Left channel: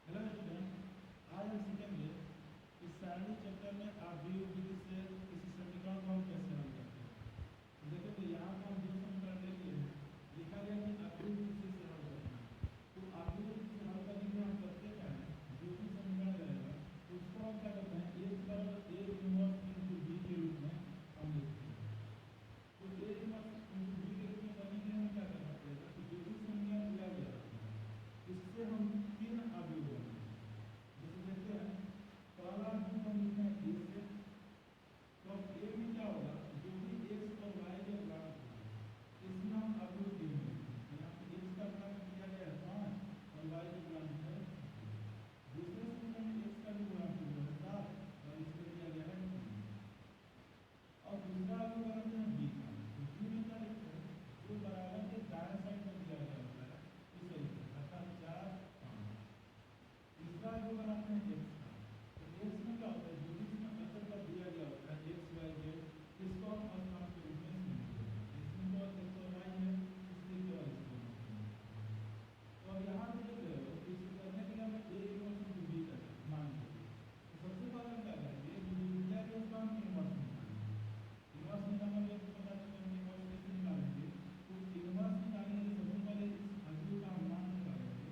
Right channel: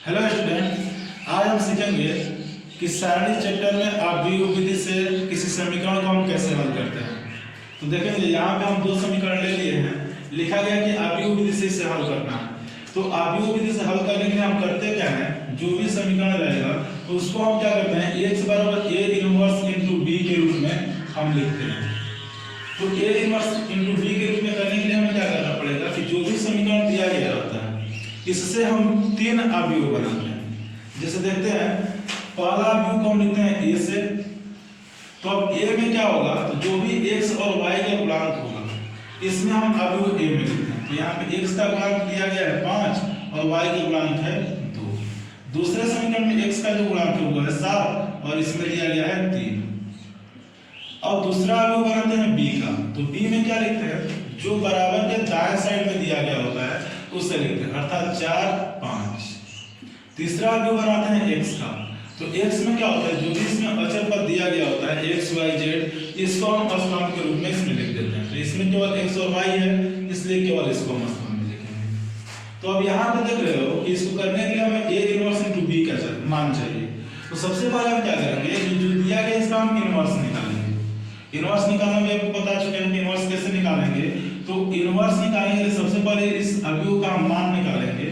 Hello student, आज हम सीखेंगे कि सारणी चैप्टर में आव्यूह विधि से किसी समीकरण को हम कैसे हल करते हैं। तो देखेंगे यहाँ पे हम दो समीकरण ले लिए हैं, लिखा गया कि आव्यूह विधि से इसे हल करना है। तो आव्यूह विधि से हल करने के लिए हम करते क्या है, जो भी समीकरण रहेगा तो उसको हम क्या करते हैं, x बराबर a इनवर्स इंटू b के रूप में हम लिखते हैं। तो a इनवर्स इंटू b के रूप में करने के लिए हमें क्या करना पड़ेगा कि जो भी समीकरण दिया गया होता है इससे हम तीन अवयव बनाते हैं। जैसे देखते हैं, पहला अवयव को हम लिखते हैं a से। तो अब a में क्या होगा, तो जो भी x और y का गुणांक होगा इसमें हम अवयव a में लिखते हैं। तो यहाँ पे x का गुणांक दिया गया है 5 और y का गुणांक है 2। दूसरे समीकरण में x का जो गुणांक है वो है 7 और इसमें दिया गया है 3। अब दूसरा अवयव बनाते हैं b का। तो b में क्या लिखते हैं, जो बराबर के दाएं साइड में दिया गया होता है उससे लिखते हैं, अर्थात 4 5। तीसरा अवयव बनाते हैं x का। तो x में क्या होता है, जो भी इसमें अचर पद दिया गया होता है x y z, इसको हम अस्थिरांक के रूप में इसमें लिख देते हैं। तो इसमें केवल x और y है, इसलिए केवल इसको हम अस्थिरांक में लिखेंगे। तो अब यहाँ पे देख रहे हो कि इसको करने के लिए हमें a इनवर्स इनटू b का मान चाहिए। तो सबसे पहले हम क्या करेंगे, जो दिया गया इसका हम इनवर्स निकालेंगे। इनवर्स निकालना भी आपको बता चुके हैं कि इनवर्स कैसे निकालेंगे। तो इनवर्स निकालने के लिए सबसे पहले इस अवयव का हम मान निकालेंगे।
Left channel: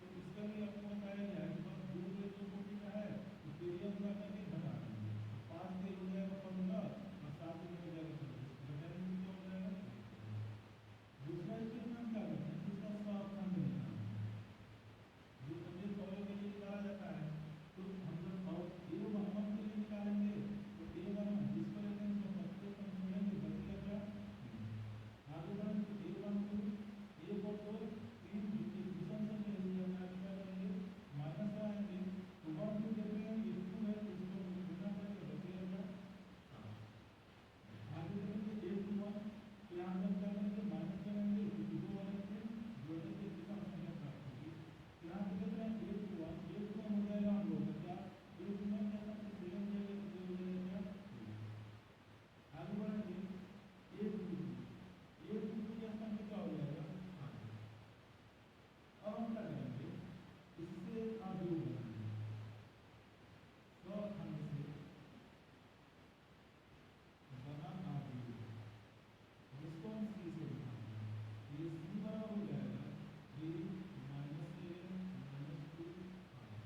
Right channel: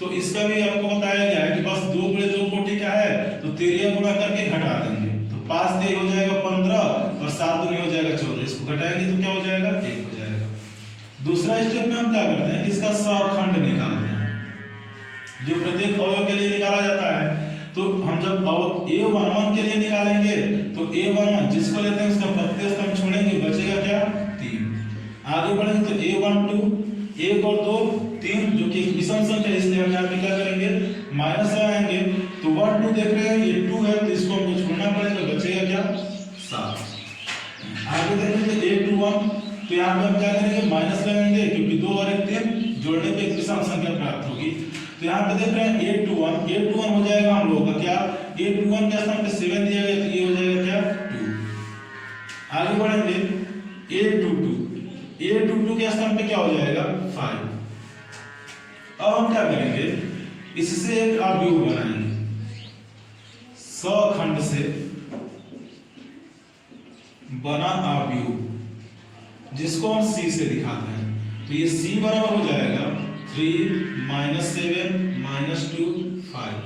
तो इसका भी आपको बताया गया है कि बस 2 गुणे 2 कोटि का है, तो 13 गुणा करके घटा देंगे। तो 5 3 हो जाएगा 15 और 7 2 हो जाएगा 14। इसको घटाएंगे तो क्या हो जाएगा, 1 हो जाएगा। दूसरा स्टेप में हम क्या करते हैं, इसका सहखंड निकालते हैं, जो प्रत्येक अवयव के लिए निकाला जाता है। तो हम जब a11 के लिए निकालेंगे तो a11 जिसको लेते हैं उसका प्रत्यय स्तंभ छोड़ेंगे, बचेगा क्या 3। आगे बढ़ेंगे तो a12 1 और 2 3, जो कि एक विषम संख्या है, इसलिए हम यहाँ पे क्या करेंगे, माइनस लगाएंगे। तो 1 2 देख रहे हैं ये 2 है, तो इसको हमको छोड़ना पड़ेगा, बचेगा क्या 7। आगे देखेंगे a21, तो यहाँ पे हम क्या करेंगे, माइनस लगाएंगे, क्योंकि 2 और 1 3 जोड़ने पे एक विषम संख्या प्राप्त होगी। तो यहाँ पे देख रहे हैं a21 हो जाएगा हम लोगों का क्या, a21 के स्थान पे 7 दिया गया, तो ये हो जाएगा क्या 2। आगे बढ़ेंगे a22 के स्थान पे क्या हो जाएगा 5। अब हम क्या करेंगे, इससे एक अवयव बनाएंगे सहखंड से बना अवयव, जिसको हम c से दिखाते हैं। तो ये c बराबर हो जाएगा 3 -7 -2 5।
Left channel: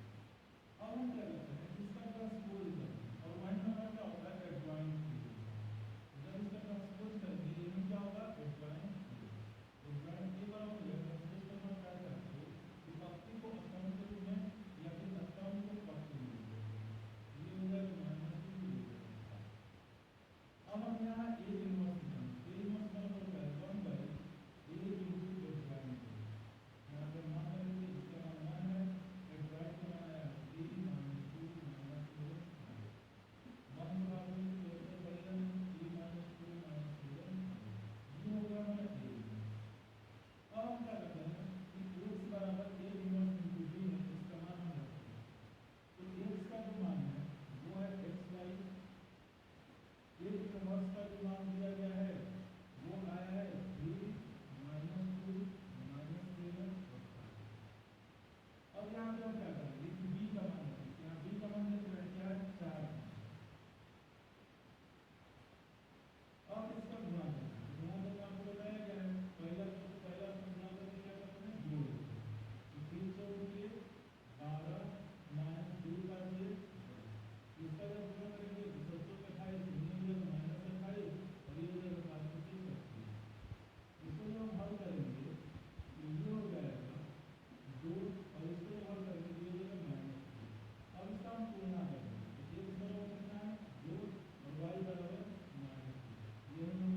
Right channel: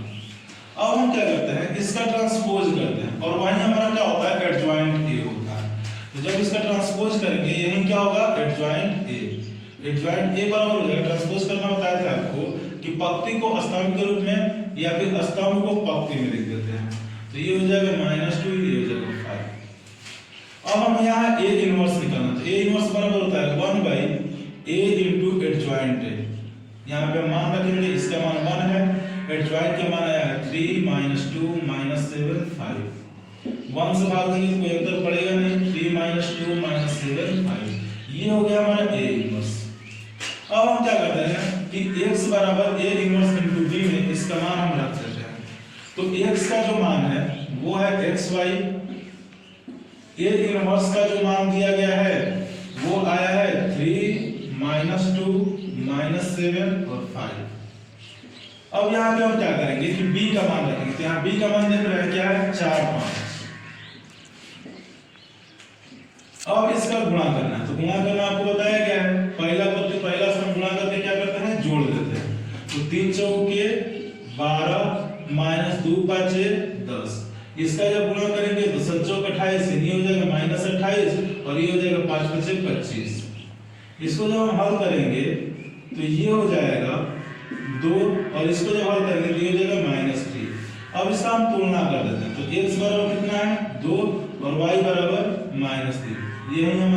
अब हम क्या करते हैं, इसका ट्रांसपोज करते हैं, और वहीं हमारा क्या होता है, एडजॉइंट a होता है। तो जब इसका ट्रांसपोज करेंगे यहीं क्या होगा, एडजॉइंट a बराबर हो जाएगा। ट्रांसपोज करना बताया था आपको कि पंक्ति को स्तंभ के रूप में या फिर स्तंभ को पंक्ति में लिख देते हैं। तो ये हो जाएगा -2, ये हो जाएगा 5। अब हम यहाँ a इनवर्स निकालना, तो a इनवर्स बराबर होता है 1/a इनटू एडजॉइंट a। यहाँ पे मान रखेंगे, इसका मान 1 है, एडजॉइंट का मान आया है 3 -2 -7 5। 1 से भाग देंगे तो कोई अंतर पड़ेगा नहीं, 3 -2 -7 5। ये हो गया हमारा a इनवर्स। अब हम क्या करते हैं कि x बराबर a इनवर्स इनटू b में इसका मान हम रख देते हैं। तो x का जो मान है वो है xy, a इनवर्स का जो मान दिया गया है वो आया है 3 -2 -7 और 5। अब यहाँ पे हम क्या करेंगे कि b का मान रखेंगे। तो यहाँ b का मान देख रहे हैं क्या है 4 5। अब इसका गुणा करना है। तो गुणा करना आपको बताया गया है, पहला पद पे पहला स्तंभ गुणा करके क्या करते हैं, जोड़ देते हैं। तो 3 चौके 12 -2 5 10। इसका जब गुणा करेंगे तो 7 चौक 28, ये हो जाएगा -28 और ये हो जाएगा 5 5 25। इसको जब हम हल करेंगे तो ये हो जाएगा 2, और इसको जब हल करेंगे तो ये हो जाएगा -3। अब इसका हम तुलना कर देते हैं। तो x बराबर कितना है 2 और y बराबर -3। ये है हमारा